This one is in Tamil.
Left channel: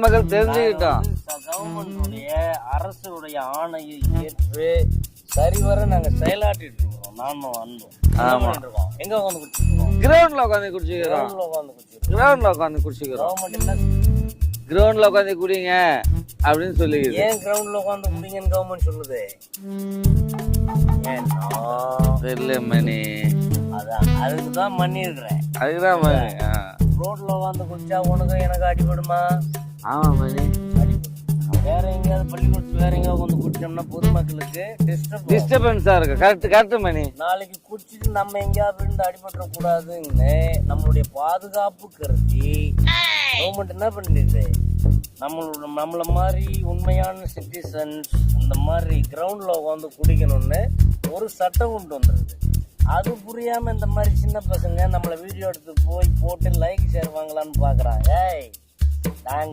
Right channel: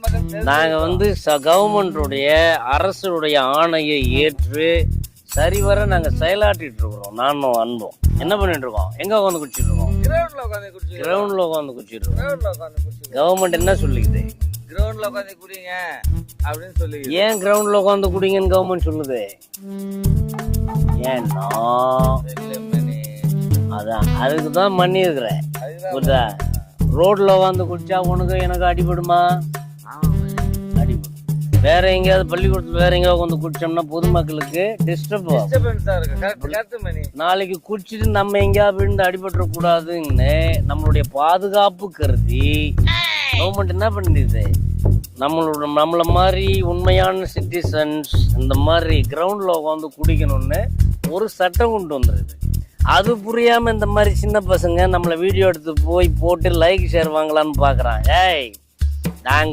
பொதுமக்கள் நாங்க வந்து கவர்மெண்டுடைய அரசுடைய ஆணையை ஏற்று சரிவர நாங்க செயலாற்றிட்டு இருக்கிறோம். நானும் அன்போம் என்ன பண்ணிட்டு இருக்கோம்? எங்க உட்காந்து குடிச்சிட்டு இருக்கோம்? கிரவுண்ட்ல உட்காந்து குடிச்சிக்கிறோம். கிரவுண்ட்ல உட்காந்து குடிச்சிட்டு இருக்கோம். கிரவுண்ட்ல உட்காந்து குடிச்சிக்கிறோம். கவர்மெண்ட் என்ன சொல்லிக்குது? கிரவுண்ட்ல உட்காந்து குடிங்க அப்படின்னு சொல்லி. ஏன் கிரவுண்ட்ல உட்காந்து குடிங்கன்னு கவர்மெண்ட் சொல்லுது? ஏன்னா தெரியல மணி. அதான் அதுக்குதான் மண்ணி இருக்கிறேன். அதுக்குதான் ரோட்ல உட்காந்து குடிச்சா உனக்கு எனக்கு அடிபடுமா? ஆமா மணி, அடிபடும். வேற எங்கேயாவது பள்ளிக்கூடத்துல வேற எங்கேயாவது வந்து குடிச்சோம்னா பொதுமக்களுக்கு டிஸ்டர்பன்ஸா இருக்கு. கரெக்ட் மணி. நாளைக்கு குடிச்சிட்டு நம்ம எங்கேயாவது விழுந்து அடிபட்டுற கூடாதுன்னு நம்மளுடைய பாதுகாப்பு கருதி கவர்மெண்ட் என்ன பண்ணிடுது? நம்மள மாதிரி உண்மையான சிட்டிசன்ஸ் இந்த மாதிரி கிரவுண்ட்ல உட்காந்து குடிக்கணும்னு ஒரு சட்டம் கொண்டு வந்துருது. அது புரியாம இந்த மாதிரி சின்ன பசங்க நம்மள வீடியோ எடுத்து போய் போட்டு லைக் ஷேர் வாங்கலான்னு பாக்குறாங்க. நாங்க